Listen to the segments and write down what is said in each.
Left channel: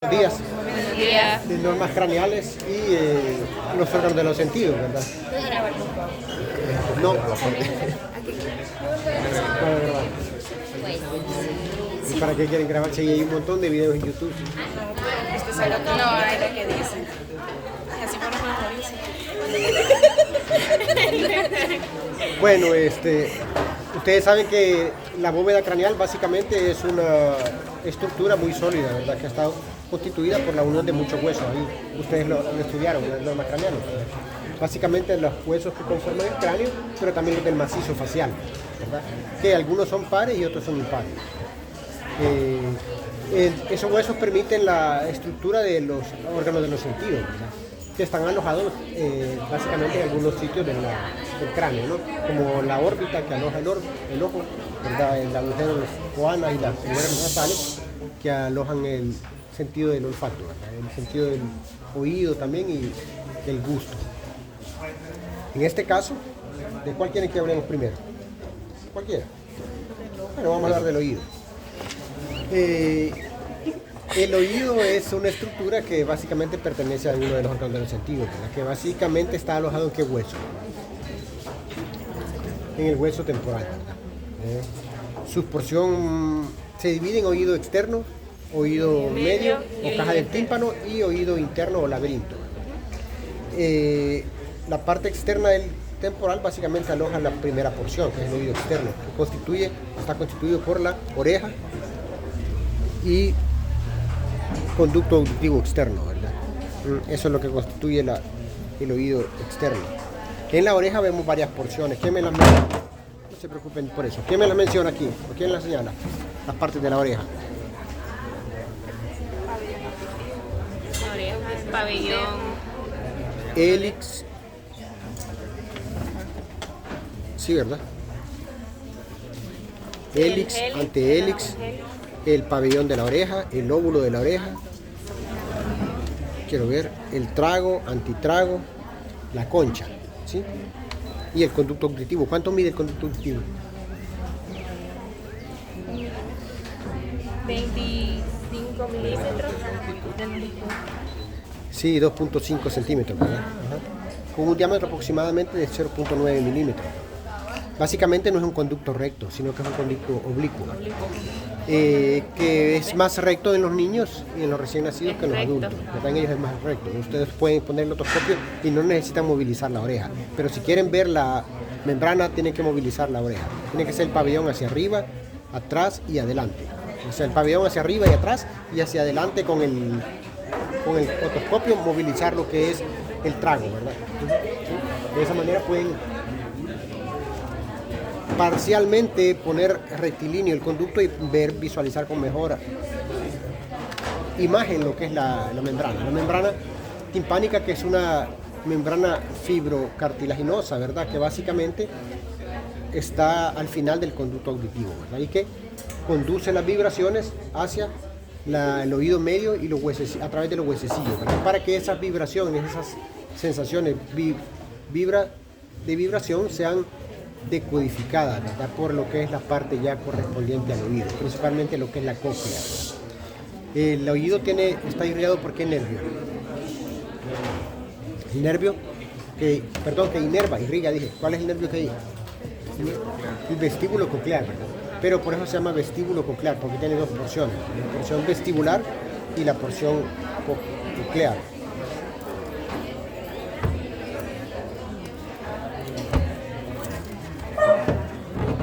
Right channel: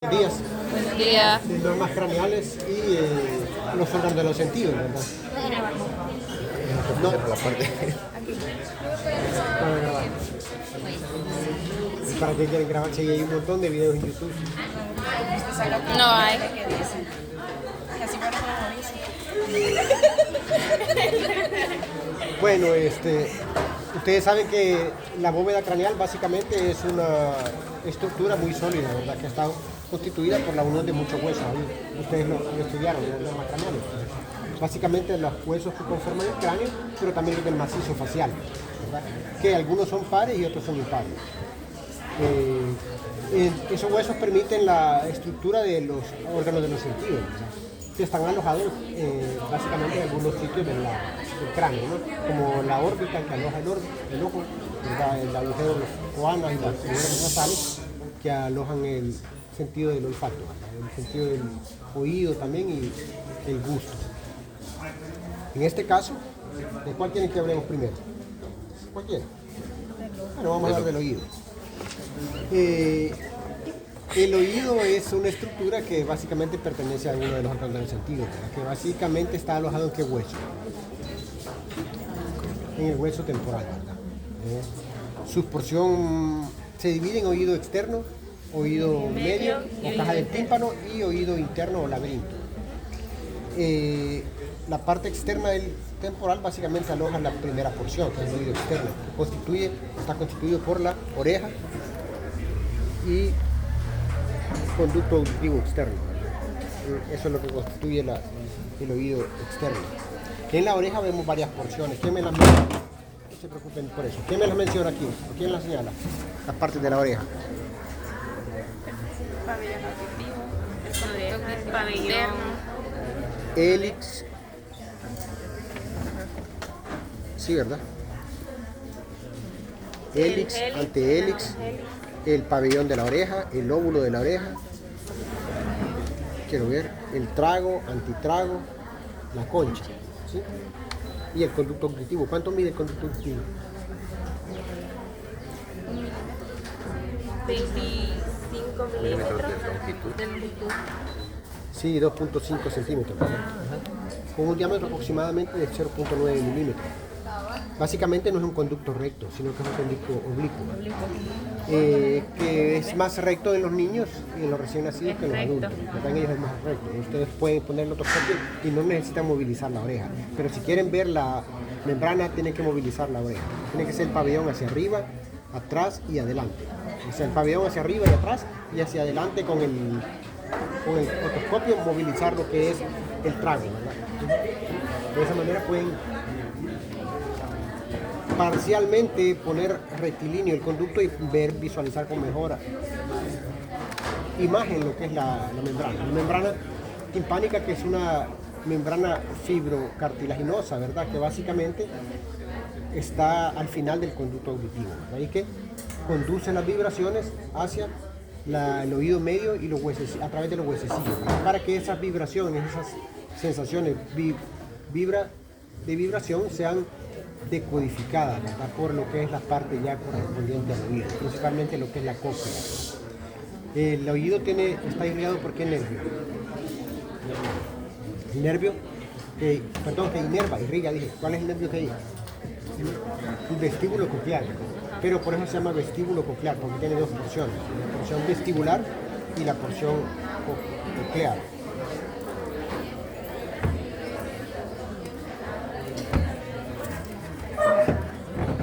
Buenos días. Yeah. De normas craneales y los órganos de los sentidos, ¿verdad? No, para grabar. ¿Y para qué quieren grabar? Si hay un montón de videos en YouTube. No hay lo que dicen. Así por lo dicen. Bueno, ustedes saben que la bóveda craneal básicamente es una estructura muy sólida, ¿verdad? Que está constituida por la unión de muchos huesos. Ahí ustedes lo estudiaron en las normas craneales. Básicamente los huesos que conforman el cráneo, pero también los del macizo facial, ¿verdad? Que algunos son pares y otros son impares. Esos huesos permiten la estructura de los órganos de los sentidos, ¿verdad? Que están alojados básicamente en algunos sitios del cráneo, ¿no? Como la órbita que aloja el ojo, ¿verdad? El agujero de las coanas y las figuras nasales que alojan el sentido del olfato, ¿verdad? El sentido del oído también y el gusto. En este caso, ¿de cuál quieren que hablemos primero? Cualquiera. Bueno, vamos a hablar del oído. El oído es una estructura que básicamente pertenece a uno de los órganos de los sentidos, ¿verdad? Que básicamente está alojado en qué hueso. En el hueso temporal, ¿verdad? Su porción se divide en oído externo, oído medio, o caja del tímpano, y oído interno o laberinto. La parte externa del temporal básicamente aloja la primera porción, que es el oído externo, que está constituido por la oreja y conducto auditivo externo, ¿verdad? Eso es lo que constituye el oído externo. En la oreja vemos varias porciones. ¿Quién me las menciona? No se preocupen por eso. ¿Quién me las menciona aquí? ¿O quién las señala? Las partes de la oreja. El pabellón. Hélix. Sí, ¿verdad? Hélix, antehélix, el pabellón de la oreja, el lóbulo de la oreja. Quiero ver, el trago, antitrago, la concha, ¿sí? Y el conducto auditivo. ¿Cuánto mide el conducto auditivo? 25 milímetros de longitud. Sí, 2.5 centímetros, ¿verdad? Con un diámetro aproximadamente de 0.9 milímetros. Básicamente no es un conducto recto, sino que es un conducto oblicuo, que es más recto en los niños y en los recién nacidos que en los adultos. En ellos es más recto. Ustedes pueden poner el otoscopio y no necesitan movilizar la oreja. Pero si quieren ver la membrana, tienen que movilizar la oreja. Tiene que ser el pabellón hacia arriba, atrás y adelante. O sea, el pabellón hacia arriba y atrás y hacia adelante con el otoscopio movilizar lo que es el trago, ¿verdad? De esa manera pueden parcialmente poner rectilíneo el conducto y visualizar con mejor imagen lo que es la membrana. La membrana timpánica, que es una membrana fibrocartilaginosa, ¿verdad? Que básicamente está al final del conducto auditivo, ¿verdad? Y que conduce las vibraciones hacia el oído medio y los huesos, a través de los huesecillos, ¿verdad? Para que esas vibraciones, esas sensaciones de vibración sean decodificada, ¿verdad? Por lo que es la parte ya correspondiente al oído, principalmente lo que es la cóclea. El oído está irrigado por qué nervio. El nervio que irriga, dije. ¿Cuál es el nervio que irriga? El vestíbulo coclear, pero por eso se llama vestíbulo coclear, porque tiene dos porciones, la porción vestibular y la porción coclear.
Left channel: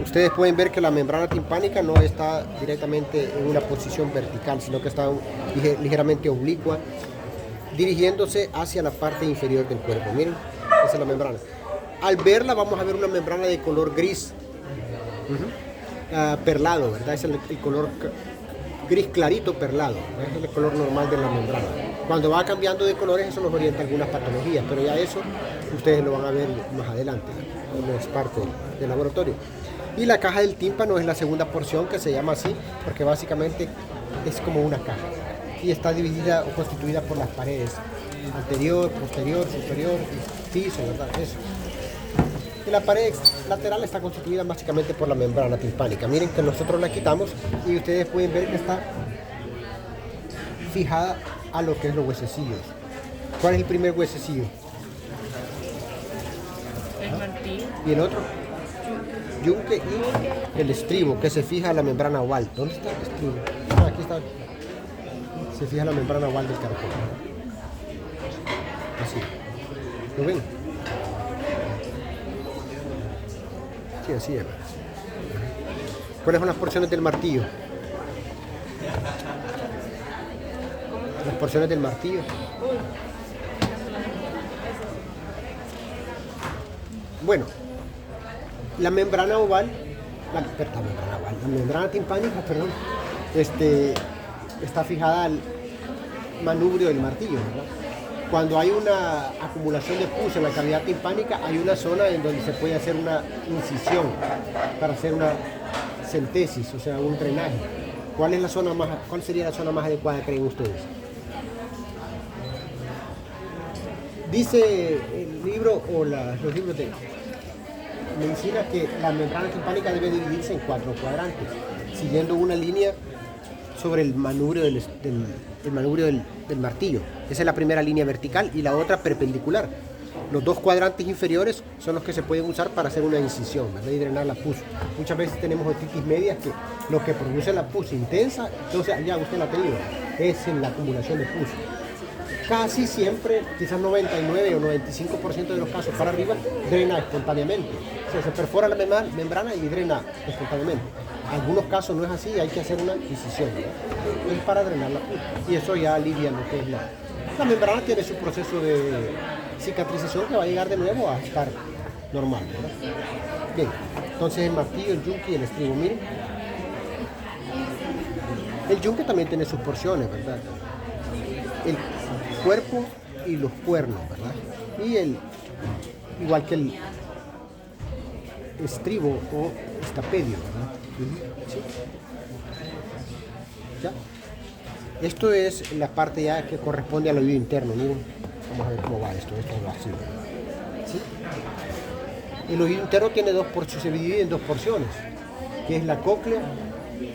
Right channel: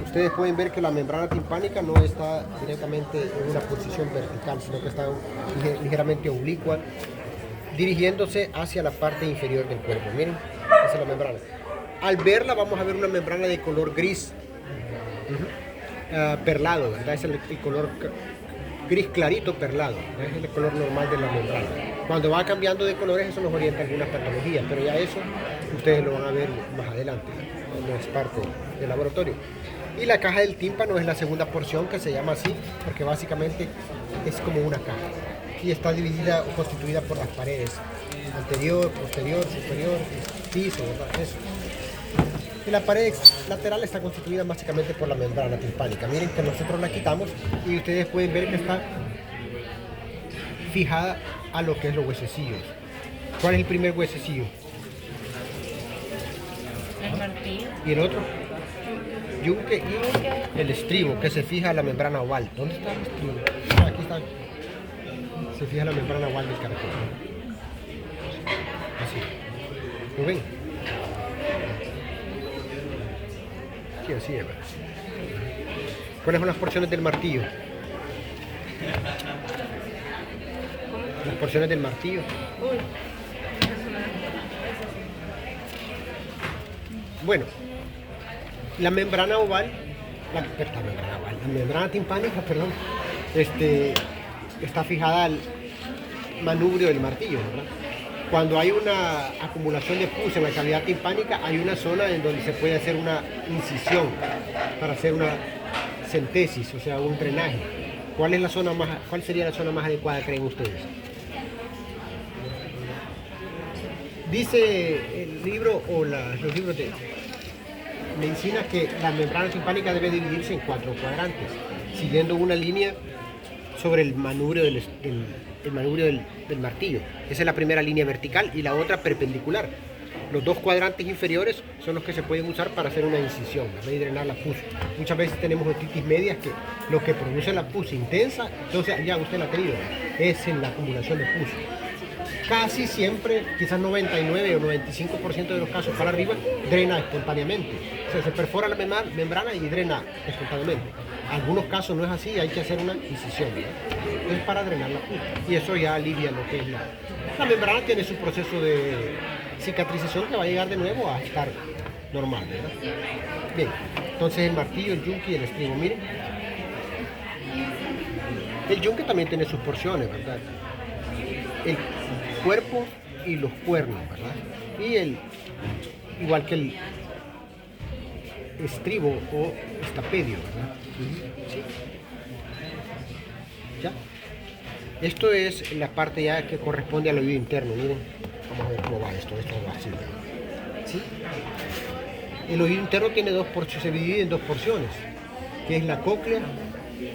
Ustedes pueden ver que la membrana timpánica no está directamente en una posición vertical, sino que está ligeramente oblicua, dirigiéndose hacia la parte inferior del cuerpo. Miren, esa es la membrana. Al verla vamos a ver una membrana de color gris, perlado, ¿verdad? Es el color gris clarito perlado, ¿verdad? Es el color normal de la membrana. Cuando va cambiando de colores, eso nos orienta a algunas patologías, pero ya eso ustedes lo van a ver más adelante, cuando es parte del laboratorio. Y la caja del tímpano es la segunda porción, que se llama así porque básicamente es como una caja y está dividida o constituida por las paredes anterior, posterior, superior y piso, ¿verdad? Eso. Y la pared lateral está constituida básicamente por la membrana timpánica. Miren que nosotros la quitamos y ustedes pueden ver que está fijada a lo que es los huesecillos. ¿Cuál es el primer huesecillo? El martillo. ¿Y el otro? Yunque y el estribo, que se fija en la membrana oval. ¿Dónde está el estribo? Ah, aquí está. Se fija en la membrana oval del caracol. Así. ¿Lo ven? Sí, así es. ¿Cuáles son las porciones del martillo? Las porciones del martillo. Bueno, la membrana oval, la membrana timpánica, perdón, está fijada al manubrio del martillo, ¿verdad? Cuando hay una acumulación de pus en la cavidad timpánica, hay una zona en donde se puede hacer una incisión para hacer una centesis, o sea, un drenaje. ¿Cuál sería la zona más adecuada, creen ustedes? Dice el libro o los libros de medicina que la membrana timpánica debe dividirse en 4 cuadrantes, siguiendo una línea sobre el manubrio del martillo. Esa es la primera línea vertical y la otra perpendicular. Los 2 cuadrantes inferiores son los que se pueden usar para hacer una incisión, ¿verdad? Y drenar la pus. Muchas veces tenemos otitis medias que lo que produce la pus intensa, entonces ya usted la ha tenido, es en la acumulación de pus. Casi siempre, quizás 99 o 95% de los casos para arriba, drena espontáneamente. O sea, se perfora la membrana y drena espontáneamente. En algunos casos no es así, hay que hacer una incisión, ¿verdad? Es para drenar la pus. Y eso ya alivia lo que es la membrana. Tiene su proceso de cicatrización que va a llegar de nuevo a estar normal, ¿verdad? Bien, entonces el martillo, el yunque y el estribo. Miren, el yunque también tiene sus porciones, ¿verdad? El cuerpo y los cuernos, ¿verdad? Y igual que el estribo o estapedio, ¿verdad? ¿Sí? ¿Ya? Esto es la parte ya que corresponde al oído interno. Miren, vamos a ver cómo va esto va así, ¿sí? El oído interno tiene se divide en 2 porciones, que es la cóclea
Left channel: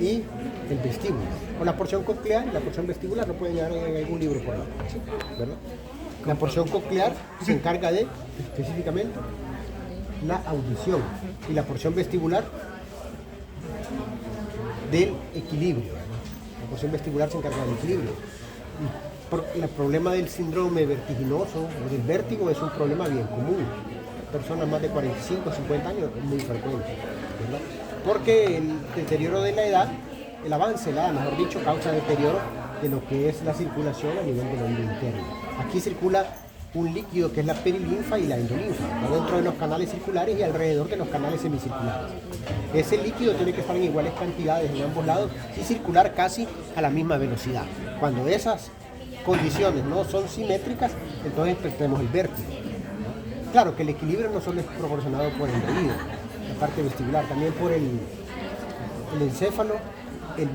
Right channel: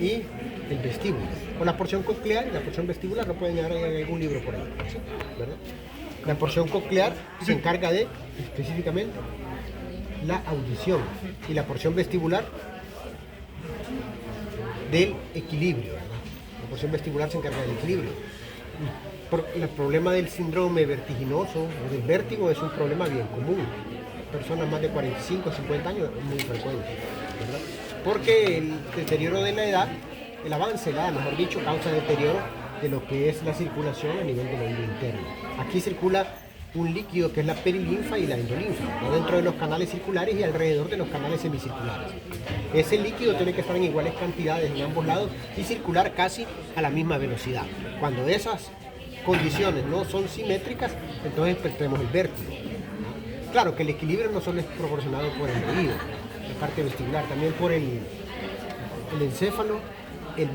y el vestíbulo. Con la porción coclear y la porción vestibular lo pueden llevar en algún libro por ahí, ¿sí? ¿Verdad? La porción coclear se encarga de, específicamente, la audición y la porción vestibular del equilibrio, ¿verdad? La porción vestibular se encarga del equilibrio. El problema del síndrome vertiginoso o del vértigo es un problema bien común. Personas más de 45 o 50 años es muy frecuente, ¿verdad? Porque el deterioro de la edad, el avance de la edad, mejor dicho, causa deterioro de lo que es la circulación a nivel del oído interno. Aquí circula un líquido que es la perilinfa y la endolinfa, dentro de los canales circulares y alrededor de los canales semicirculares. Ese líquido tiene que estar en iguales cantidades en ambos lados y circular casi a la misma velocidad. Cuando esas condiciones no son simétricas, entonces tenemos el vértigo. Claro que el equilibrio no solo es proporcionado por el oído, la parte vestibular, también por el encéfalo, el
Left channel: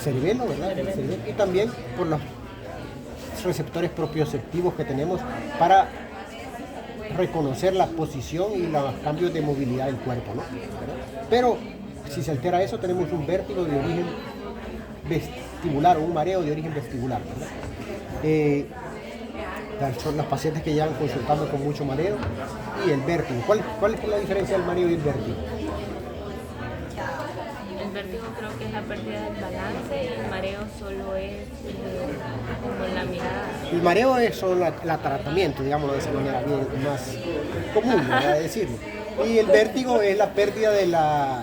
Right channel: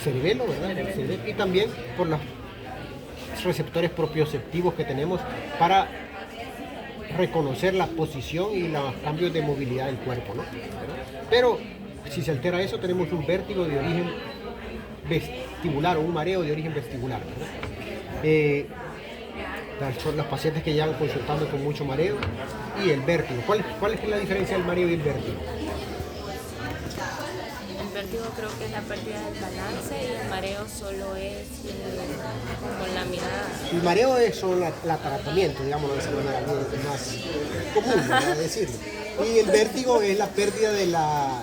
cerebelo, ¿verdad? El cerebelo, y también por los receptores propioceptivos que tenemos para reconocer la posición y los cambios de movilidad del cuerpo, ¿no? Pero si se altera eso, tenemos un vértigo de origen vestibular o un mareo de origen vestibular, ¿verdad? Son las pacientes que llevan consultando con mucho mareo y el vértigo. ¿Cuál es la diferencia del mareo y el vértigo? El vértigo creo que es la pérdida del balance y el mareo solo es como la mirada. El mareo es solo el ataratamiento, digamos, de esa manera más común, ¿verdad? Decirlo. Y el vértigo es la pérdida de la...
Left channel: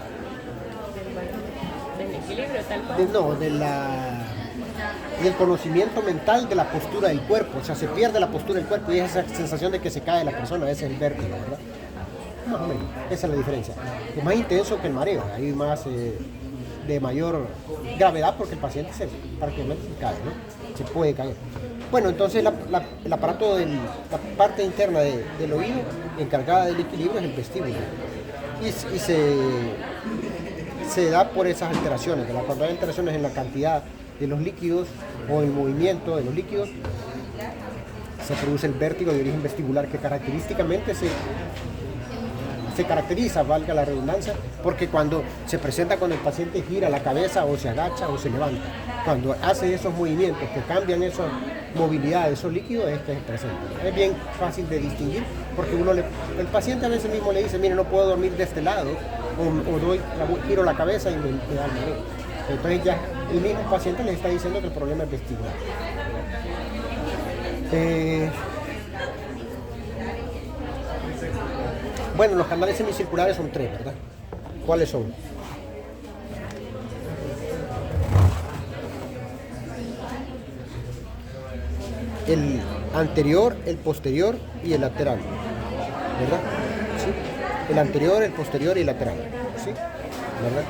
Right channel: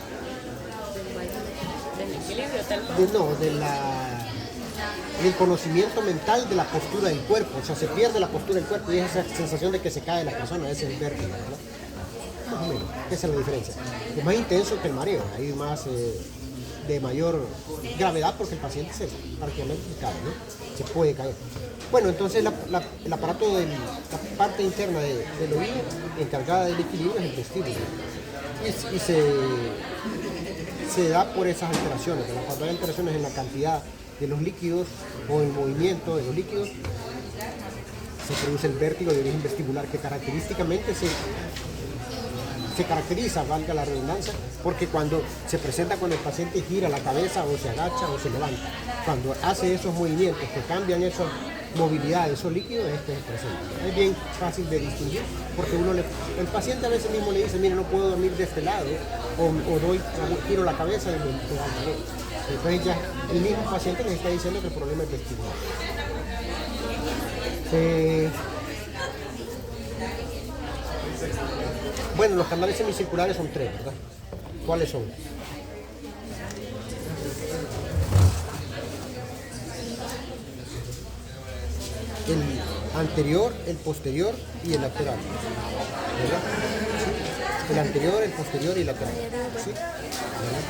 del equilibrio, tal cual. del conocimiento mental de la postura del cuerpo. O sea, se pierde la postura del cuerpo y esa sensación de que se cae la persona, ese es el vértigo, ¿verdad? Más o menos, esa es la diferencia. Es más intenso que el mareo, hay más de mayor gravedad porque el paciente prácticamente se cae, ¿no? Se puede caer. Bueno, entonces el aparato de la parte interna del oído encargada del equilibrio es el vestíbulo. Y se da por esas alteraciones. Cuando hay alteraciones en la cantidad de los líquidos o el movimiento de los líquidos, se produce el vértigo de origen vestibular que característicamente se caracteriza, valga la redundancia, porque cuando se presenta cuando el paciente gira la cabeza o se agacha o se levanta. Cuando hace esos movimientos que cambian esa movilidad de esos líquidos, este es estresante. Es bien fácil de distinguir porque el paciente a veces mismo le dice, mire, no puedo dormir de este lado, o giro la cabeza y me da el dolor. Entonces ya el mismo paciente le está diciendo que el problema es vestibular. Bueno, los canales semicirculares son 3, ¿verdad? ¿Cuáles son? El anterior, el posterior y el lateral, ¿verdad? ¿Sí? El anterior, el posterior y el lateral, ¿sí? ¿Verdad?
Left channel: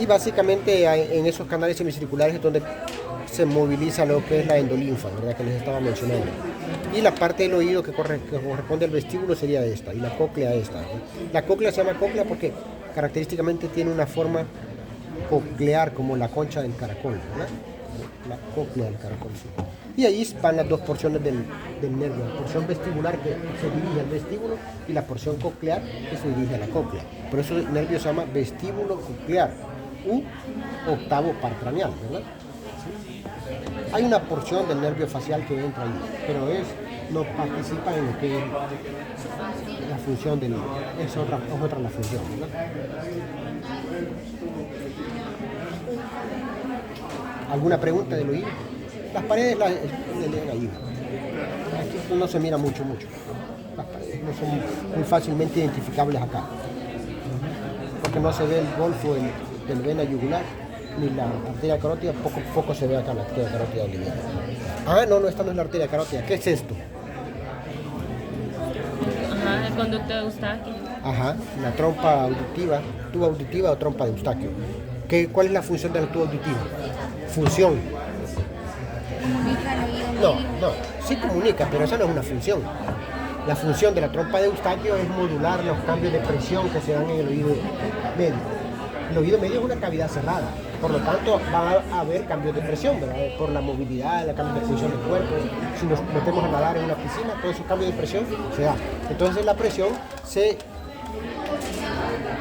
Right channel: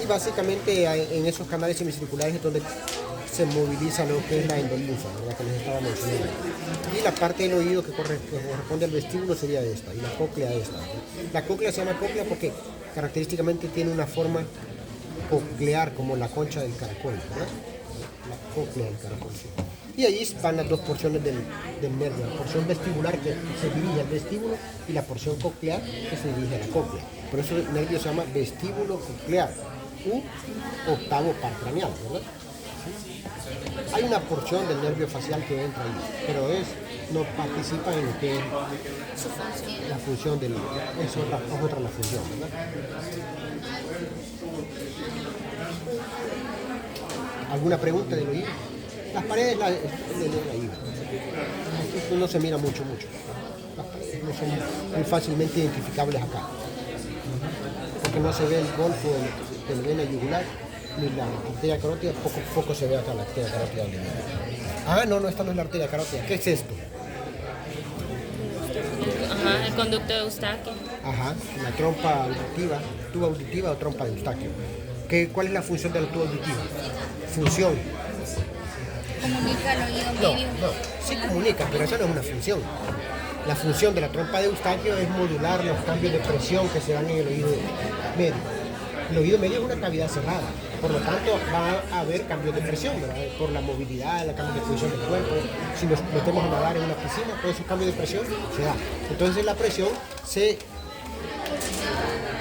Y básicamente en esos canales semicirculares es donde se moviliza lo que es la endolinfa, ¿verdad? Que les estaba mencionando. Y la parte del oído que corresponde al vestíbulo sería esta, y la cóclea esta. La cóclea se llama cóclea porque característicamente tiene una forma coclear como la concha del caracol, ¿verdad? La cóclea del caracol, sí. Y ahí van las dos porciones del nervio, la porción vestibular que se dirige al vestíbulo y la porción coclear que se dirige a la cóclea. Por eso el nervio se llama vestíbulo coclear u octavo par craneal, ¿verdad? ¿Sí? Hay una porción del nervio facial que entra ahí, pero no participa en lo que es la función del... Es otra la función, ¿verdad? ¿Alguna pregunta del oído? Las paredes del oído. Aquí no se mira mucho. Las paredes no son muy fácilmente identificables acá. Porque no se ve el golfo del vena yugular ni la arteria carótida, poco se ve acá la arteria carótida lineal. Ah, no, esta no es la arteria carótida. ¿Qué es esto? Ajá, el conducto de Eustaquio. Ajá, la trompa auditiva, tuba auditiva o trompa de Eustaquio. ¿Cuál es la función del tubo auditivo? Función. Comunica el oído medio. No, sí comunica, pero esa no es una función. La función de la trompa de Eustaquio es modular los cambios de presión que se dan en el oído medio. El oído medio es una cavidad cerrada, por lo tanto va a haber cambios de presión, ¿verdad? Por la movilidad, la cambio de función del cuerpo. Si nos metemos a nadar en una piscina, todo ese cambio de presión se da. Entonces la presión se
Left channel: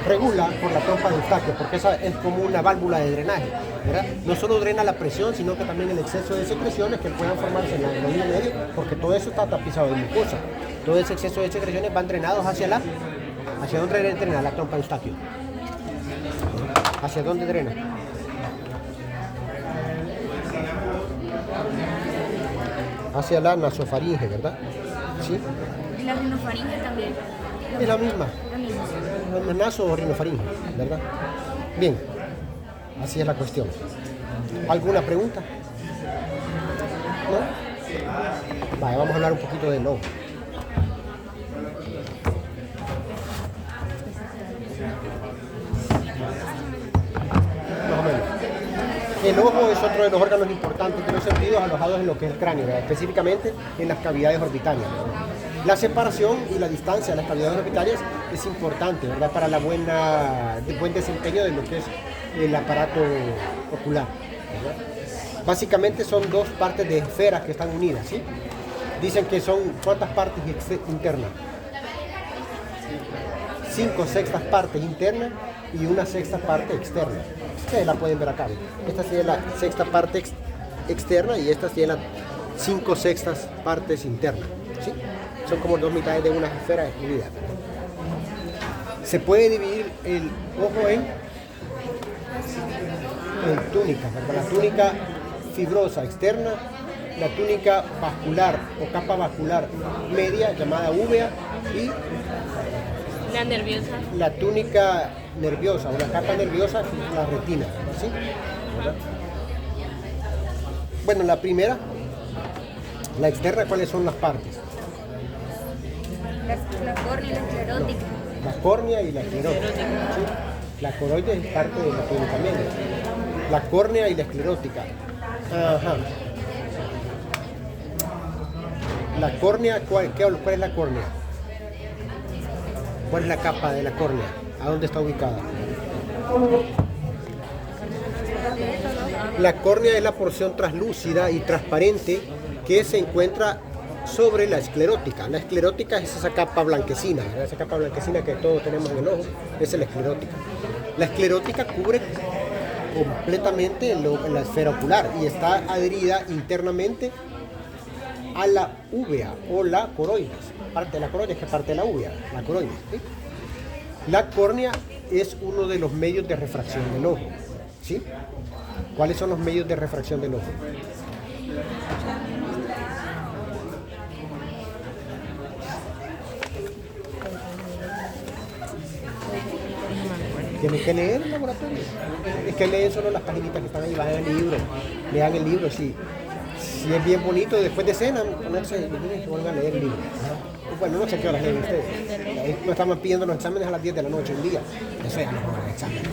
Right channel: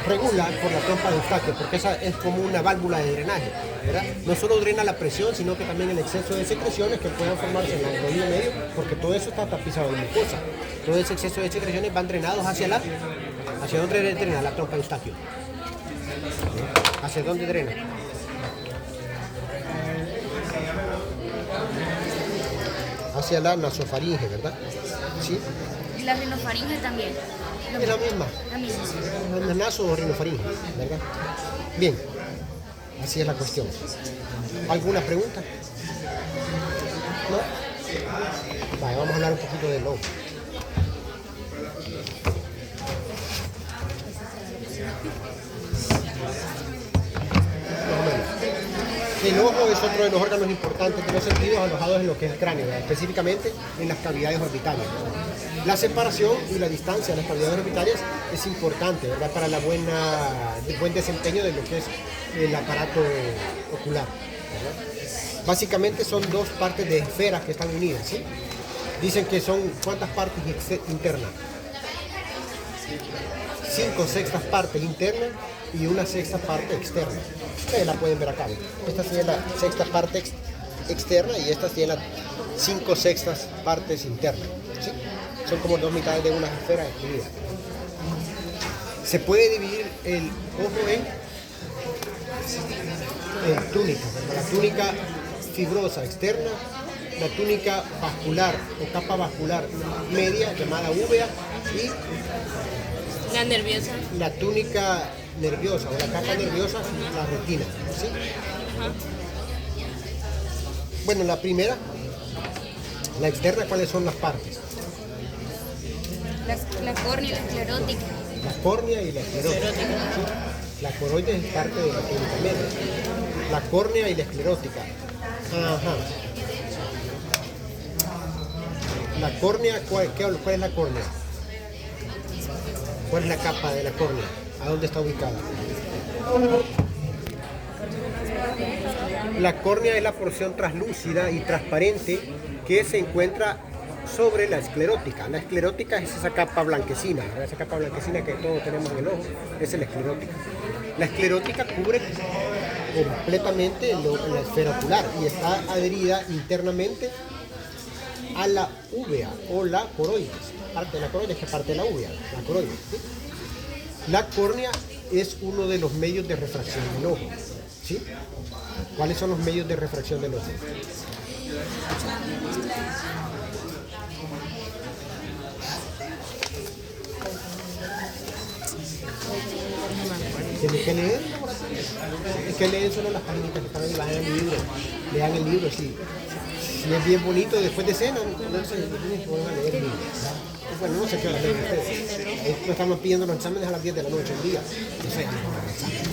regula por la trompa de Eustaquio, porque esa es como una válvula de drenaje, ¿verdad? No solo drena la presión, sino que también el exceso de secreciones que puedan formarse en el oído medio, porque todo eso está tapizado de mucosa. Todo ese exceso de secreciones van drenados ¿hacia dónde drena la trompa de Eustaquio? ¿Hacia dónde drena? Hacia la nasofaringe, ¿verdad? ¿Sí? Y la rinofaringe también. Es la misma. La naso o rinofaringe, ¿verdad? Bien, así es la cuestión. ¿Alguna pregunta? ¿No? Vamos a hablar un poquito del ojo. El ojo es otro de los órganos importantes de los sentidos alojados en lo que es el cráneo, ¿verdad? Específicamente en las cavidades orbitales. La separación y la distancia de las cavidades orbitales es importante, ¿verdad? Para el buen desempeño de lo que es el aparato ocular, ¿verdad? Básicamente son dos partes de esferas que están unidas, ¿sí? Dicen que son ¿cuántas partes internas? 5/6 partes internas y 1/6 parte externa. Ustedes la pueden ver acá. Esta tiene la 6ª parte externa y esta tiene las 5/6 partes internas, ¿sí? Son como dos mitades de una esfera unida. Se puede dividir el ojo en túnicas, ¿verdad? La túnica fibrosa externa, la túnica vascular o capa vascular media llamada úvea y La nerviosa. la túnica nerviosa o la capa nerviosa, la retina, ¿sí? Bueno, la primera, la externa, ¿cuáles son las partes? La córnea y la esclerótica. La córnea y la esclerótica, ¿sí? La coroides es parte de la túnica media. La córnea y la esclerótica. Ajá. La córnea, ¿cuál es la córnea? ¿Cuál es la capa de la córnea? ¿A dónde está ubicada? La córnea es la porción translúcida y transparente que se encuentra sobre la esclerótica. La esclerótica es esa capa blanquecina, ¿verdad? Esa capa blanquecina que todos tenemos en el ojo, esa es la esclerótica. La esclerótica cubre completamente en la esfera ocular y está adherida internamente a la úvea o la coroides. Parte de la coroides que parte de la úvea, la coroides. ¿Sí? La córnea es uno de los medios de refracción del ojo. ¿Sí? ¿Cuáles son los medios de refracción del ojo? Tienen que leer el laboratorio. Es que leen solo las paginitas que están ahí, bajan el libro. Lean el libro, sí. Si es bien bonito, después de cena, ponerse a leer el libro. Bueno, no sé qué horas leen ustedes. No estamos pidiendo los exámenes a las 10 de la noche un día. No sé, los exámenes.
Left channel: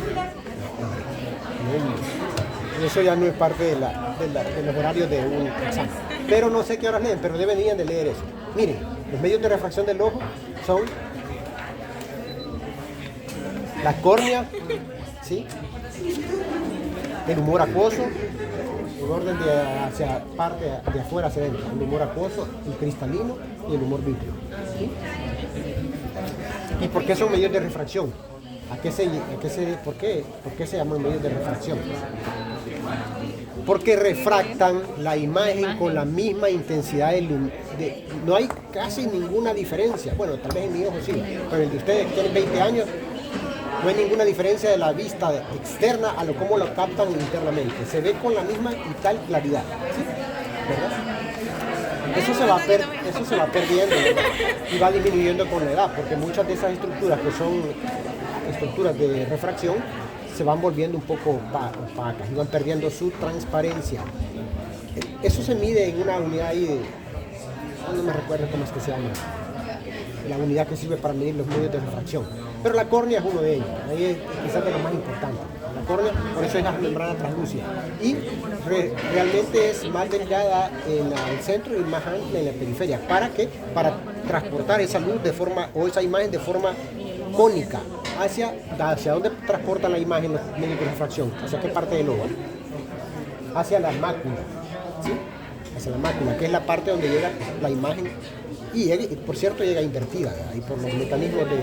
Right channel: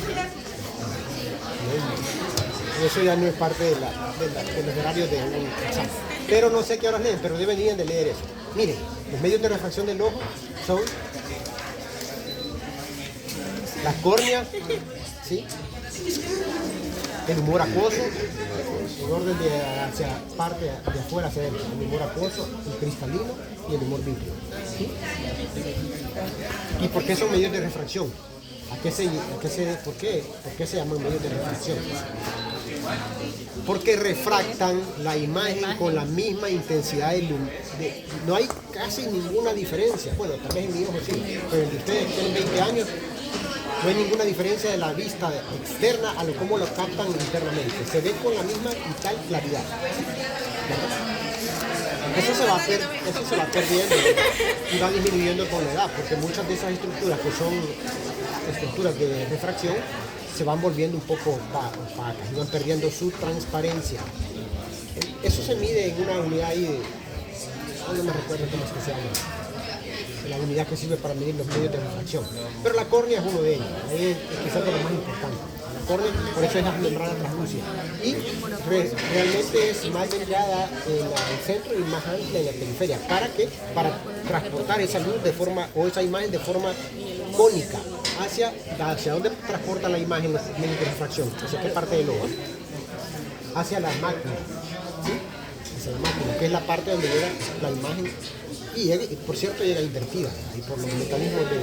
Eso ya no es parte de los horarios de un examen. Pero no sé qué horas leen, pero deberían de leer eso. Miren, los medios de refracción del ojo son la córnea, ¿sí? El humor acuoso, en orden de hacia parte de afuera hacia adentro, el humor acuoso, el cristalino y el humor vítreo. ¿Sí? ¿Y por qué son medios de refracción? ¿Por qué se llaman medios de refracción? Porque refractan la imagen con la misma intensidad de luz. No hay casi ninguna diferencia. Bueno, tal vez en mi ojo sí, pero en ustedes que tienen 20 años, no hay ninguna diferencia de la vista externa a cómo lo captan internamente. Se ve con la misma y tal claridad. Eso se va perdiendo y va disminuyendo con la edad, porque muchas de esas estructuras que son estructuras de refracción se van volviendo un poco opacas y van perdiendo su transparencia. Eso se mide en una unidad ahí no me recuerdo cómo es que se llama, la unidad que sirve para medir los medios de refracción. Pero la córnea es uno de ellos, ahí es quizás de lo más importante. La córnea, por eso es la membrana translúcida. Y realmente es más delgada en el centro y más amplia en la periferia. ¿Para qué? Para transportar esa luz de forma, o esa imagen de forma cónica. ¿Hacia dónde transporta la imagen los medios de refracción? ¿Hacia qué parte del ojo? Hacia la mácula. ¿Sí? Hacia la mácula, que es la parte donde llega la imagen. Y por cierto llega invertida, ahí por los mecanismos de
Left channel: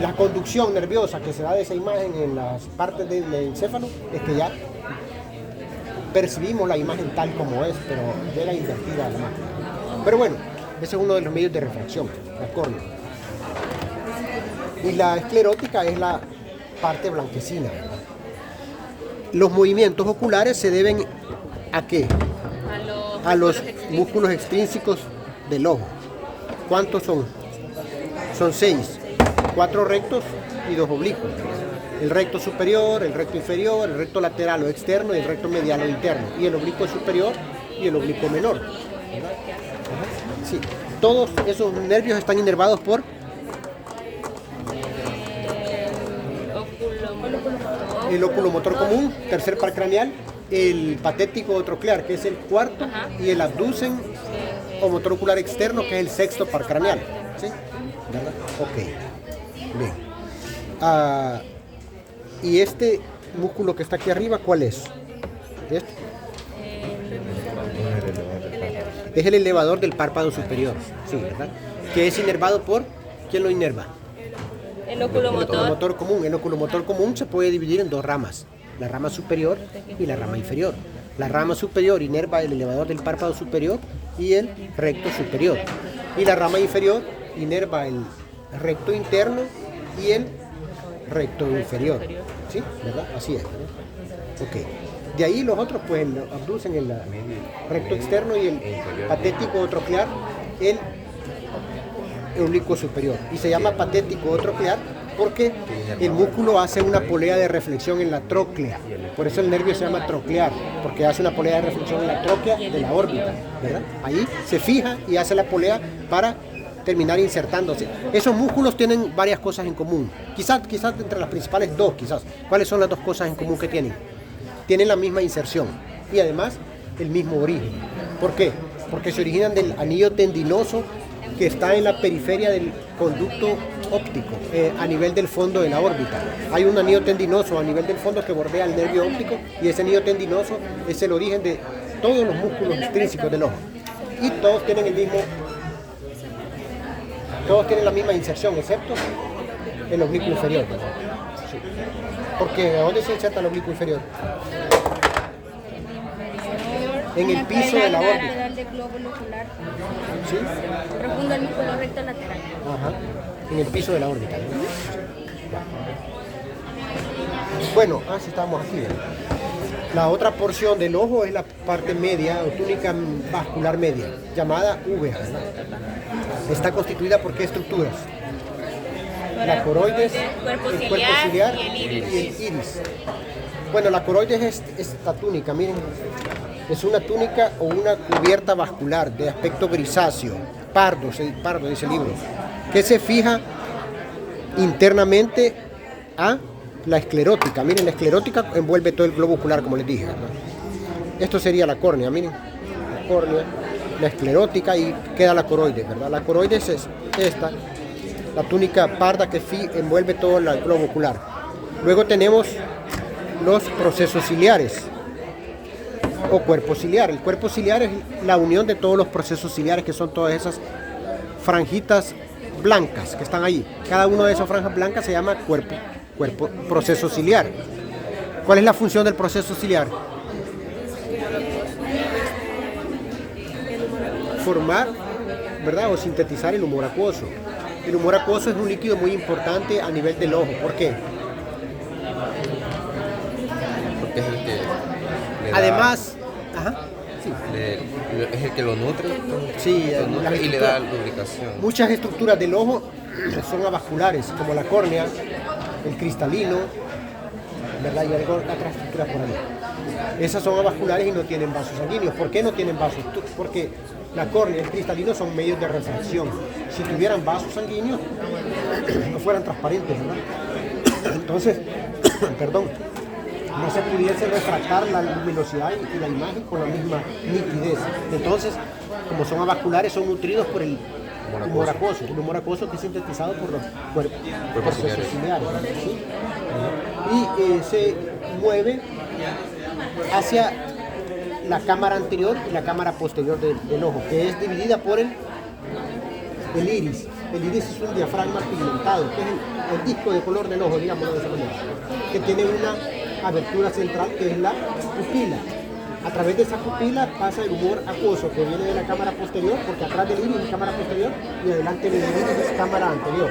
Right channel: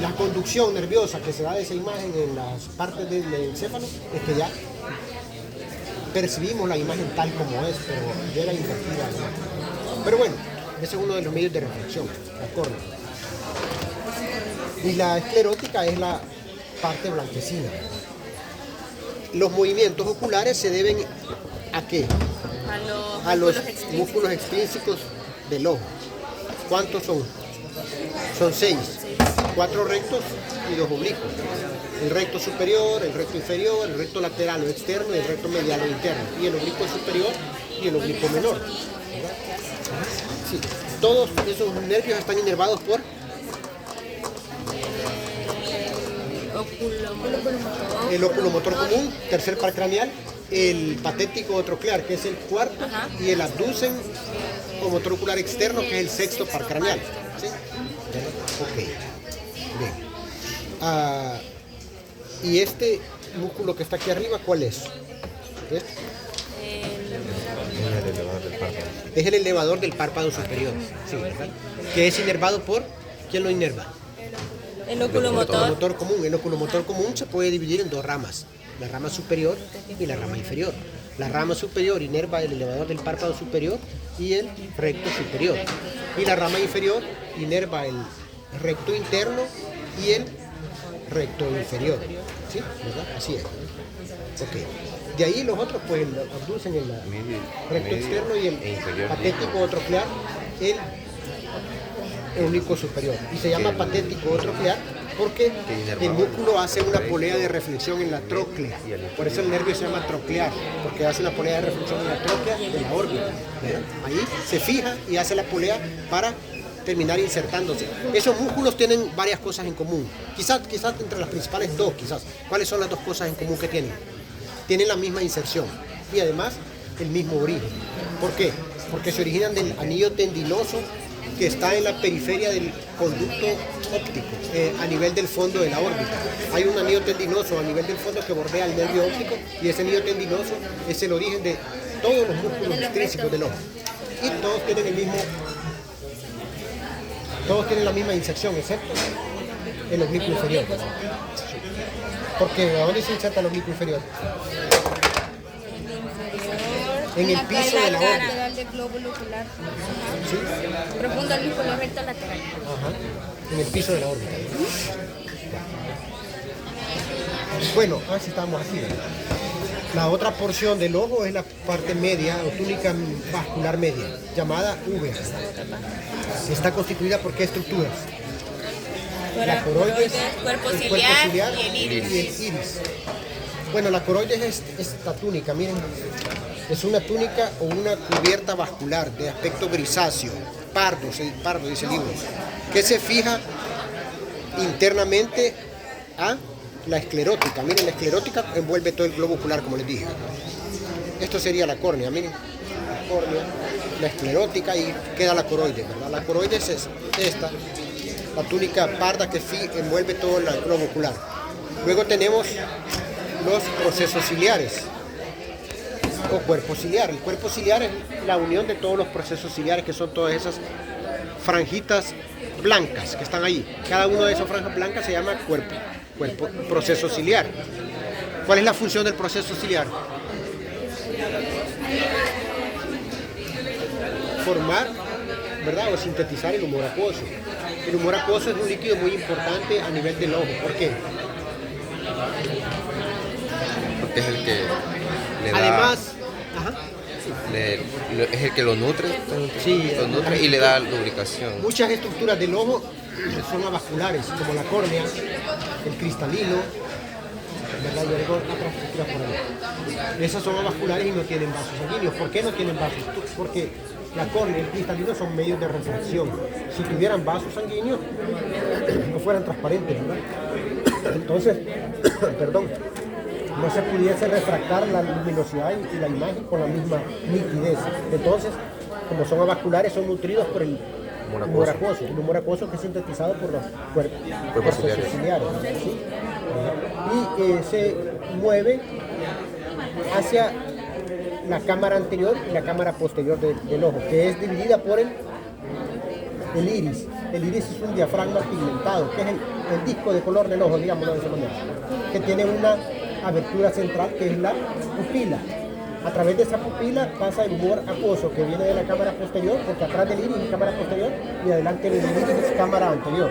la conducción nerviosa que se da de esa imagen en las partes del encéfalo, es que ya percibimos la imagen tal como es, pero llega invertida. ¿No? Pero bueno, ese es uno de los medios de refracción, la córnea. Y la esclerótica es la parte blanquecina. Los movimientos oculares se deben ¿a qué? A los músculos extrínsecos del ojo. ¿Cuántos son? Son 6. 4 rectos y 2 oblicuos. El recto superior, el recto inferior, el recto lateral o externo y el recto medial o interno. Y el oblicuo superior y el oblicuo menor. Sí. Todos esos nervios están inervados por el oculomotor común, tercer par craneal, el patético troclear, que es el cuarto, y el abducen o motor ocular externo, que es el sexto par craneal. ¿Sí? Ok. Bien. Y este músculo que está aquí arriba, ¿cuál es? ¿Este? Es el elevador del párpado superior. Sí, ¿verdad? Que es inervado por... ¿Quién lo inerva? El oculomotor común. El oculomotor común se puede dividir en 2 ramas, la rama superior y la rama inferior. La rama superior inerva el elevador del párpado superior y el recto superior. Y la rama inferior inerva el recto interno y el recto inferior. ¿Sí? ¿Verdad? Así es. Ok. De ahí los otros pues lo abducen el recto externo y el patético troclear, el oblicuo superior. Y se llama patético troclear porque el músculo hace una polea de reflexión en la tróclea. Por eso el nervio se llama troclear, porque hace una polea de reflexión en la tróclea de la órbita. ¿Verdad? Ahí se fija y hace la polea para terminar insertándose. Esos músculos tienen varias cosas en común. Quizás entre las principales 2, quizás. ¿Cuáles son las 2 cosas en común que tienen? Tienen la misma inserción y además el mismo origen. ¿Por qué? Porque se originan del anillo tendinoso que está en la periferia del conducto óptico, a nivel del fondo de la órbita. Hay un anillo tendinoso a nivel del fondo que bordea el nervio óptico y ese anillo tendinoso es el origen de todos los músculos extrínsecos del ojo. Y todos tienen la misma inserción, excepto El oblicuo inferior. Sí. Porque ¿dónde se inserta el oblicuo inferior? En el piso de la órbita. lateral del globo ocular. ¿Sí? Profundo al lúpulo recto lateral. Ajá. En el piso de la órbita. Bueno, así estamos aquí. La otra porción del ojo es la parte media o túnica vascular media, llamada úvea. Está constituida por qué estructuras? La coroides, el cuerpo ciliar y el iris. Bueno, la coroides es esta túnica, miren, es una túnica o una cubierta vascular de aspecto grisáceo, pardo dice el libro, que se fija internamente a la esclerótica. Miren, la esclerótica envuelve todo el globo ocular, como les dije. Esto sería la córnea, miren, la córnea, la esclerótica y queda la coroides, ¿verdad? La coroides es esta, la túnica parda que sí envuelve todo el globo ocular. Luego tenemos los procesos ciliares o cuerpo ciliar. El cuerpo ciliar es la unión de todos los procesos ciliares, que son todas esas franjitas blancas que están ahí. Cada una de esas franjas blancas se llama proceso ciliar. ¿Cuál es la función del proceso ciliar? Formar, ¿verdad? O sintetizar el humor acuoso. El humor acuoso es un líquido muy importante a nivel del ojo. ¿Por qué? Porque es el que le da, Además, es el que lo nutre, sí, lo nutre y le da lubricación. muchas estructuras del ojo son avasculares, como la córnea, el cristalino, ¿verdad? Y algo otras estructuras como esas son avasculares y no tienen vasos sanguíneos. ¿Por qué no tienen vasos? Porque la córnea y el cristalino son medios de refracción. Si tuvieran vasos sanguíneos, no fueran transparentes, ¿verdad? Entonces, perdón, no se pudiese refractar la luminosidad y la imagen con la misma nitidez. Entonces, como son avasculares, son nutridos por el humor acuoso. El humor acuoso que es sintetizado por los cuerpos ciliares. ¿Sí? Y se mueve hacia la cámara anterior y la cámara posterior del ojo, que es dividida por el iris. El iris es un diafragma pigmentado, que es el disco de color del ojo, digámoslo de esa manera, que tiene una abertura central que es la pupila. A través de esa pupila pasa el humor acuoso que viene de la cámara posterior, porque atrás del iris es cámara posterior y adelante del iris es cámara anterior.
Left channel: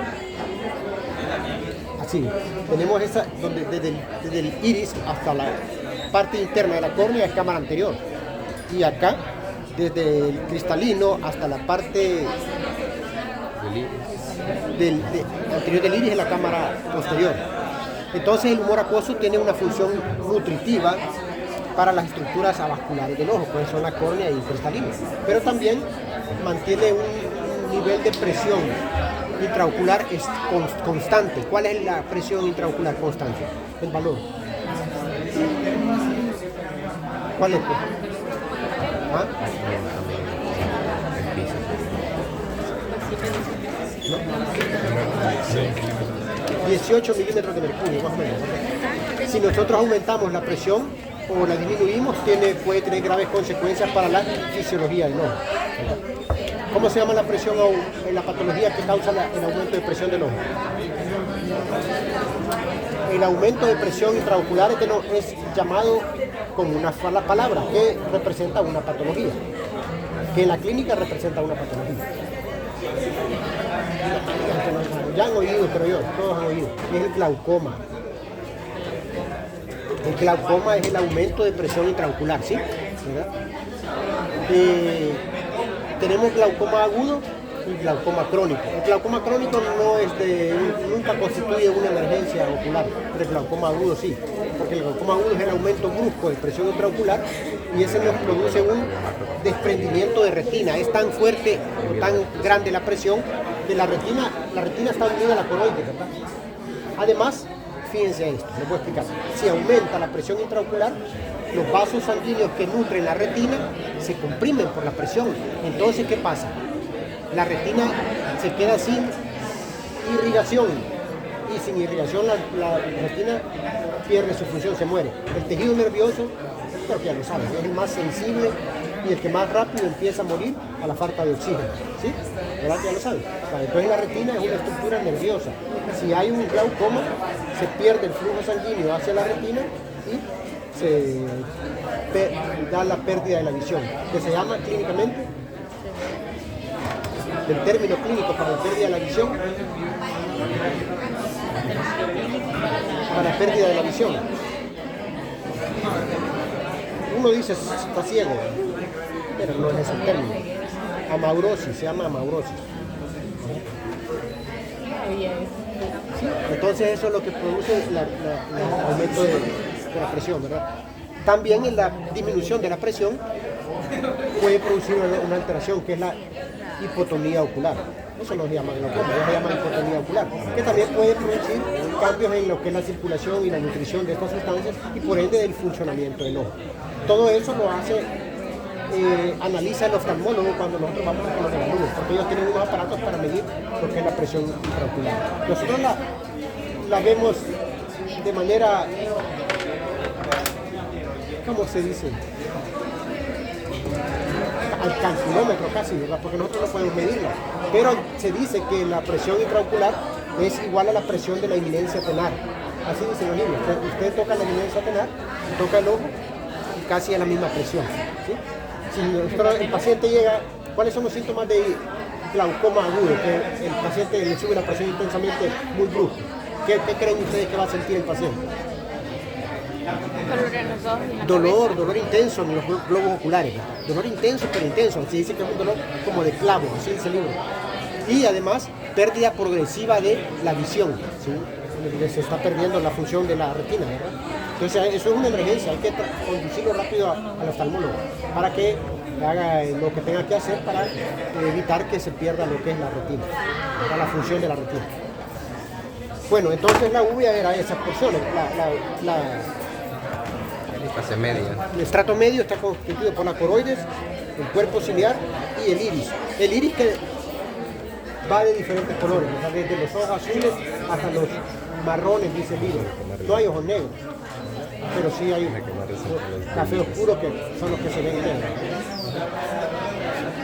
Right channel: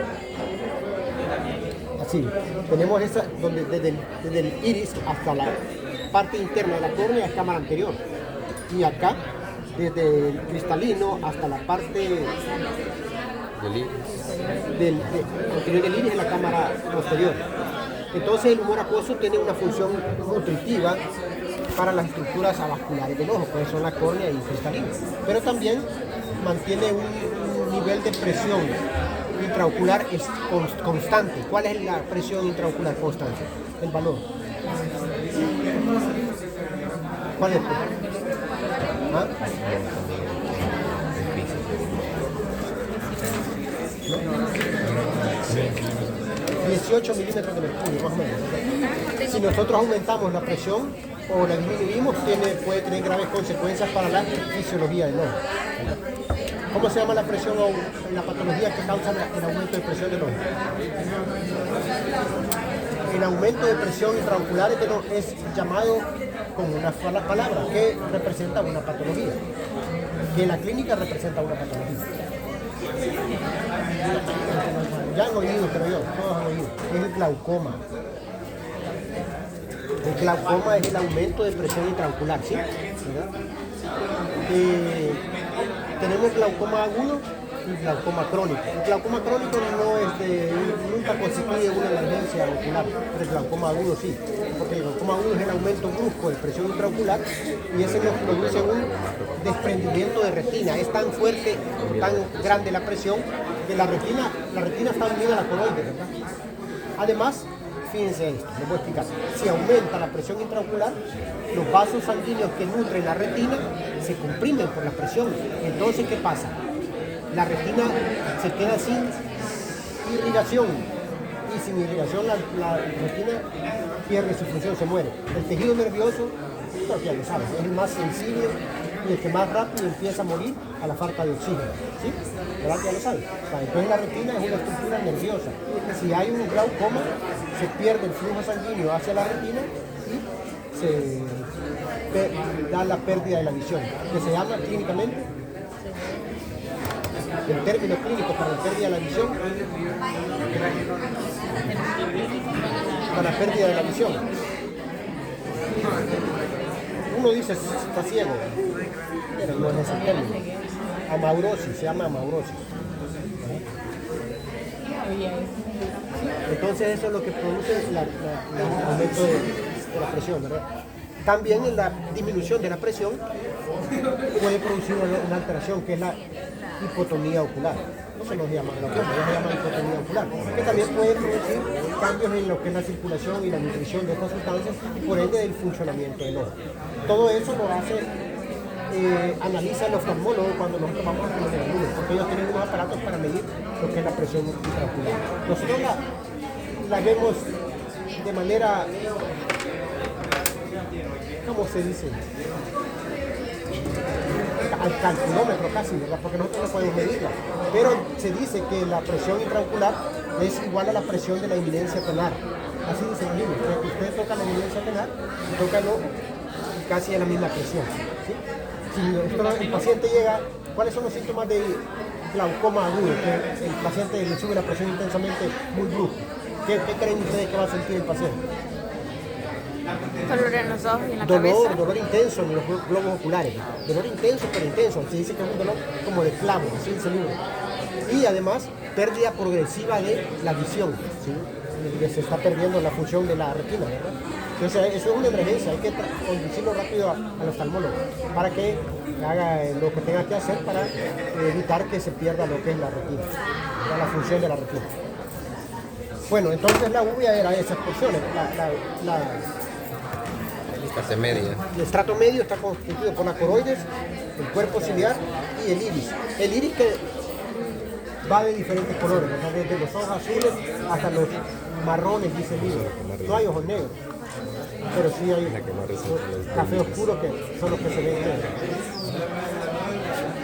Así, tenemos esa, donde desde el iris hasta la parte interna de la córnea es cámara anterior. Y acá, desde el cristalino hasta la parte anterior del iris es la cámara posterior. Entonces el humor acuoso tiene una función nutritiva para las estructuras avasculares del ojo, que son la córnea y el cristalino. Pero también mantiene un nivel de presión intraocular constante. ¿Cuál es la presión intraocular constante? El valor. ¿Cuál es? ¿Ah? 18 milímetros de mercurio, más o menos. Si nosotros aumentamos la presión o la disminuimos, puede tener graves consecuencias para la fisiología del ojo. ¿Cómo se llama la presión o la patología que causa el aumento de presión del ojo? El aumento de presión intraocular es llamado como una sola palabra, que representa una patología, que en la clínica representa una patología. Ya han oído, creo yo, todos han oído, es el glaucoma. El glaucoma es el aumento de presión intraocular, ¿sí? ¿Verdad? Tenemos glaucoma agudo y glaucoma crónico. El glaucoma crónico nunca constituye una emergencia ocular, pero el glaucoma agudo sí. Porque el glaucoma agudo es el aumento brusco de presión intraocular y ese nos produce un desprendimiento de retina. Es tan fuerte, tan grande la presión que la retina está unida a la coroide, ¿verdad? Además, fíjense esto, les voy a explicar. Si aumenta la presión intraocular, los vasos sanguíneos que nutren la retina se comprimen por la presión. Entonces, ¿qué pasa? La retina se queda sin irrigación y sin irrigación la retina pierde su función, se muere. El tejido nervioso, creo que ya lo saben, es el más sensible y el que más rápido empieza a morir a la falta de oxígeno. ¿Sí? ¿Verdad que ya lo saben? O sea, entonces la retina es una estructura nerviosa. Si hay un glaucoma, se pierde el flujo sanguíneo hacia la retina y da la pérdida de la visión, que se llama clínicamente, el término clínico para la pérdida de la visión, para la pérdida de la visión. Uno dice está ciego, pero no es ese término. Amaurosis, se llama amaurosis. Entonces eso es lo que produce el aumento de la presión, ¿verdad? También en la disminución de la presión puede producir una alteración que es la hipotonía ocular. Eso no se llama glaucoma, eso se llama hipotonía ocular, que también puede producir cambios en lo que es la circulación y la nutrición de estas sustancias y por ende el funcionamiento del ojo. Todo eso lo hace, analiza el oftalmólogo cuando nosotros vamos a los alumnos, porque ellos tienen unos aparatos para medir lo que es la presión intraocular. Nosotros la vemos de manera, ¿cómo se dice? Al calculómetro casi, ¿verdad? Porque nosotros no podemos medirla. Pero se dice que la presión intraocular es igual a la presión de la eminencia tenar. Así dicen los niños. Usted toca la eminencia tenar, toca el ojo y casi a la misma presión. ¿Sí? Si el paciente llega, ¿cuáles son los síntomas de glaucoma agudo? Que el paciente le sube la presión intensamente muy brusco. ¿Qué creen ustedes que va a sentir el paciente? Dolor en los ojos y en la cabeza. Dolor intenso en los globos oculares. Dolor intenso, pero intenso. Se dice que es un dolor como de clavo, así dice el libro. Y además, pérdida progresiva de la visión. ¿Sí? Se está perdiendo la función de la retina, ¿verdad? Entonces, eso es una emergencia. Hay que conducirlo rápido al oftalmólogo para que haga lo que tenga que hacer para evitar que se pierda lo que es la retina, ¿verdad? La función de la retina. Bueno, entonces la uvea era esas porciones. Clase media. El estrato medio está constituido por la coroides, el cuerpo ciliar y el iris. El iris que va de diferentes colores, o sea, desde los ojos azules hasta los marrones, dice el libro. No hay ojos negros, pero sí hay café oscuro que son los que se ven negros.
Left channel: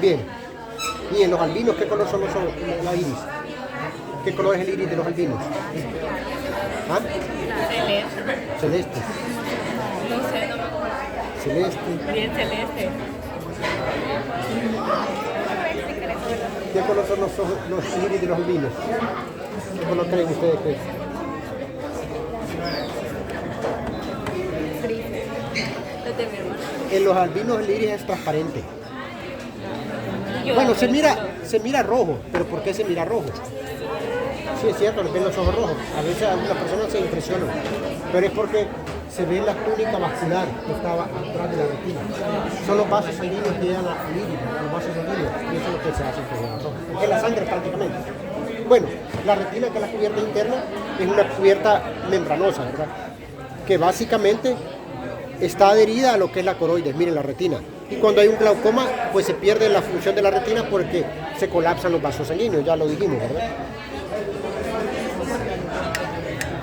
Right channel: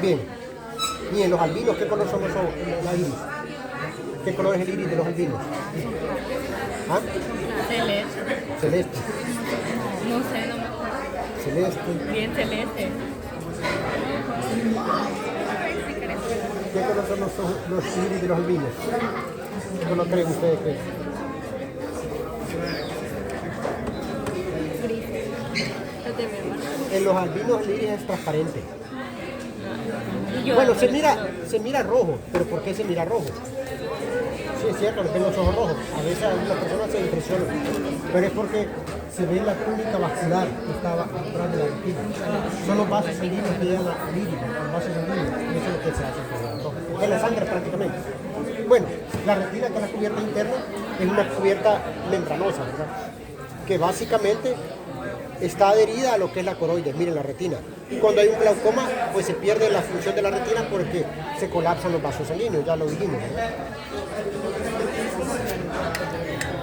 Bien. Y en los albinos, ¿qué color son los iris? ¿Qué color es el iris de los albinos? ¿Ah? Celeste. Celeste. Bien celeste. ¿Qué color son los iris de los albinos? ¿Qué color creen ustedes que es? Gris. Los de mi hermano. En los albinos el iris es transparente. Y yo Bueno, hablo se mira rojo, pero ¿por qué se mira rojo? Sí, es cierto, le ven los ojos rojos. A veces a las personas se impresionan, pero es porque se ve la túnica vascular que estaba atrás de la retina. Son los vasos sanguíneos que llevan al iris, los vasos sanguíneos, y eso es lo que se hace con la roja. Es la sangre prácticamente. Bueno, la retina, que es la cubierta interna, es una cubierta membranosa, ¿verdad? Que básicamente está adherida a lo que es la coroides, miren la retina. Y cuando hay un glaucoma, pues se pierde la función de la retina porque se colapsan los vasos sanguíneos, ya lo dijimos, ¿verdad?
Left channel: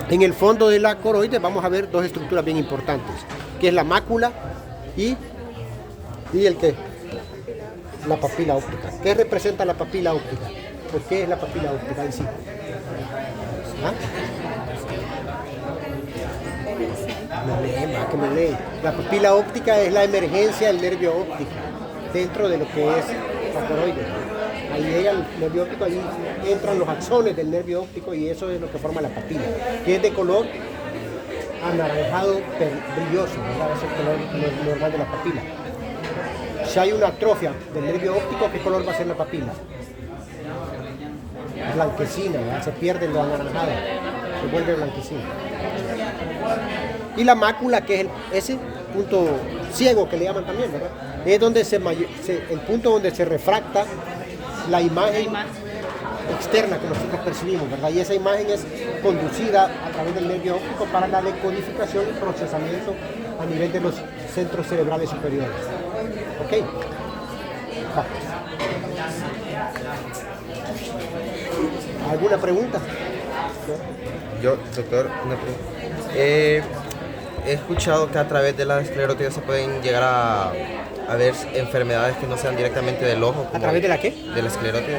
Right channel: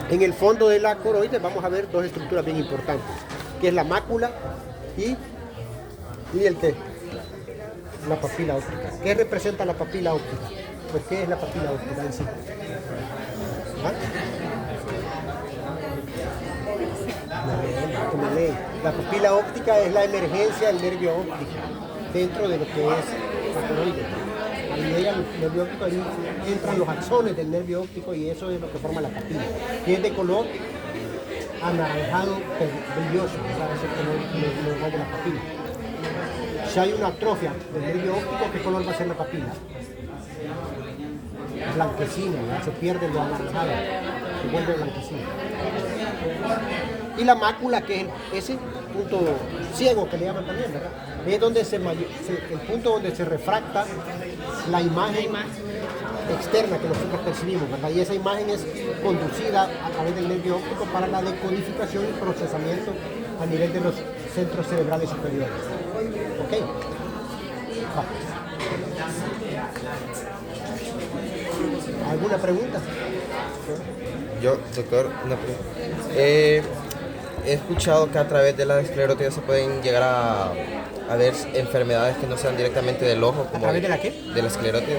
En el fondo de la coroides vamos a ver dos estructuras bien importantes, que es la mácula y el qué, la papila óptica. ¿Qué representa la papila óptica? Pues ¿qué es la papila óptica en sí? ¿Ah? No, que me leen. La pupila óptica es la emergencia del nervio óptico dentro de lo que es la coroide. Ahí llega el nervio óptico, ahí entran los axones del nervio óptico y eso es lo que forma la papila, que es de color anaranjado brilloso, ¿verdad? Ese es el color normal de la papila. Si hay una atrofia del nervio óptico, ¿qué color va a ser la papila? Blanquecina, ¿verdad? Se pierde lo anaranjado, se vuelve blanquecina. Y la mácula, que es ese punto ciego que le llaman también, ¿verdad? Es donde el punto donde se refracta la imagen externa que nosotros percibimos, ¿verdad? Y esa imagen es conducida a través del nervio óptico para la decodificación y procesamiento a nivel de los centros cerebrales superiores. ¿Ok? ¿Alguna pregunta? Yo, doctor, una pregunta. he escuchado que a través de la esclerótida se pueden llegar a ver enfermedades que no sean directamente del ojo. ¿A través de la qué? De la esclerótida.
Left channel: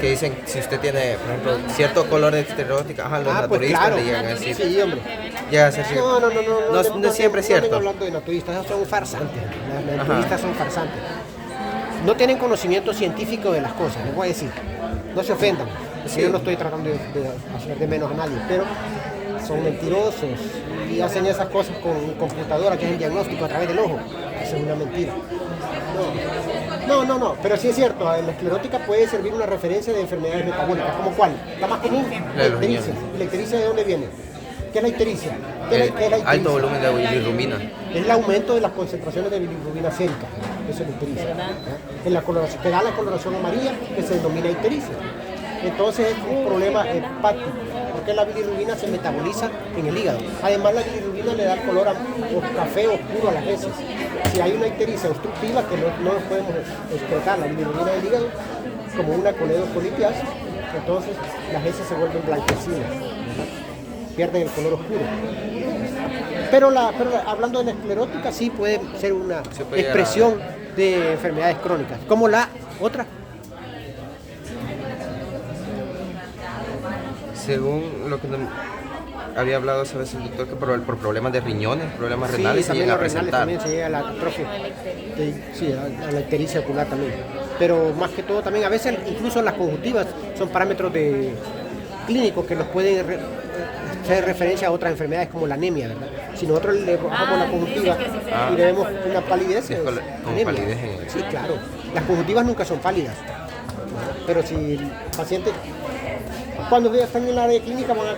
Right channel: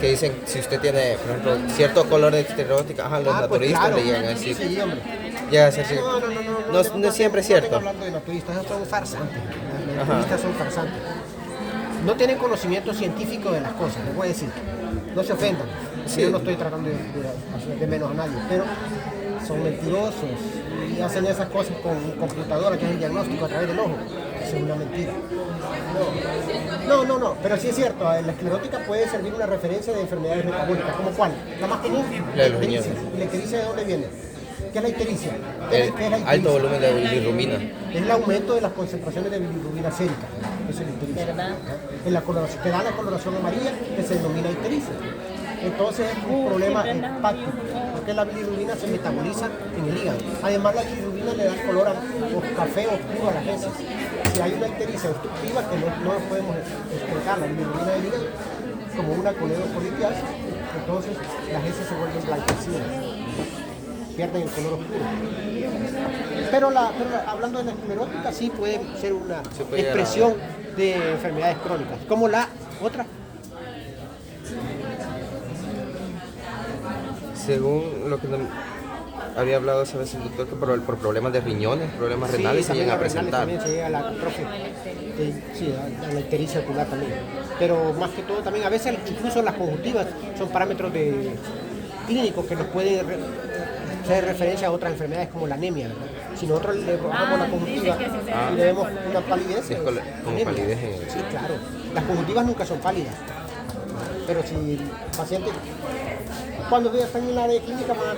Que dicen, si usted tiene, por ejemplo, cierto color de esclerótica, los Pues naturistas claro. le llegan a decir. Sí, hombre. Llega a ser cierto. No es siempre No cierto. vengo hablando de naturistas, esos son farsantes. Los Ajá. naturistas son farsantes. No tienen conocimiento científico de las cosas, les voy a decir. No se ofendan. Sí. Yo no estoy tratando de hacer de menos a nadie, pero son mentirosos y hacen esas cosas con computadora que es el diagnóstico a través del ojo. Eso es una mentira. No, pero sí es cierto, la esclerótica puede servir una referencia de enfermedades metabólicas, ¿como cuál? La más común, La de los riñones. ¿Y la ictericia de dónde viene? ¿Qué es la ictericia? ¿Qué es la ictericia? Alto volumen de bilirrubina. Es el aumento de las concentraciones de bilirrubina sérica. Eso es la ictericia. ¿Verdad? En la coloración, que da la coloración amarilla, que se denomina ictericia. Entonces es un problema hepático, porque la bilirrubina se metaboliza en el hígado. Además, la bilirrubina le da color café oscuro a las heces. Si hay una ictericia obstructiva, que no podemos explotar la bilirrubina del hígado, como una coledocolitiasis, entonces las heces se vuelven blanquecinas, pierden el color oscuro. Pero hablando de la esclerótica, sí puede ser una Se puede llegar a expresión de enfermedades crónicas, como la otra. Según lo que había hablado esa vez el doctor, que por problemas de riñones, problemas renales se también llegan a los renales presentar. también se llega a la atrofia. Sí, a la ictericia ocular también. Pero más que todo también, a veces incluso las conjuntivas son parámetros clínicos que nos pueden hacer referencia a otras enfermedades como la anemia, ¿verdad? Si nosotros le bajamos la conjuntiva y le vemos una palidez, Sí, es pues, como anemia. palidez en el... Sí, claro. Las conjuntivas nunca son pálidas. Pero si el paciente, cuando están en la área de clínica, van a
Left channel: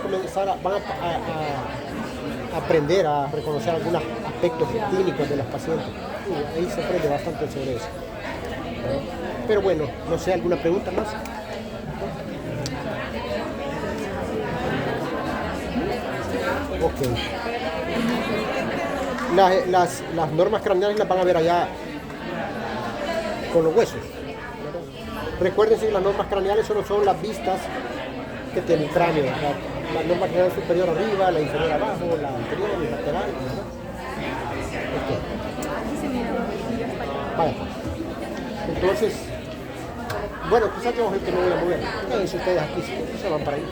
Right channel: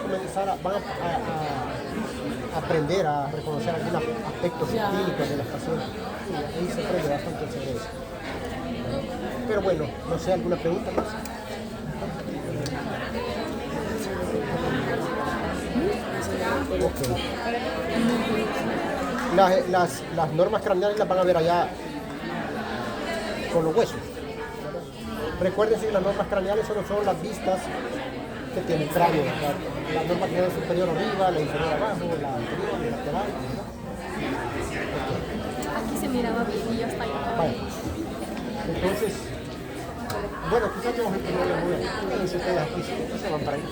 aprender a reconocer algunos aspectos clínicos de los pacientes. Sí, ahí se aprende bastante sobre eso. Pero bueno, no sé, ¿alguna pregunta más? Ok. Las normas craneales las van a ver allá con los huesos. Recuerden que las normas craneales solo son las vistas que tiene el cráneo. La norma craneal superior arriba, la inferior abajo, la anterior y la lateral. Okay. Vale. Entonces, bueno, quizás tenemos que no voy a mover. Quédense ustedes aquí, se van para ahí.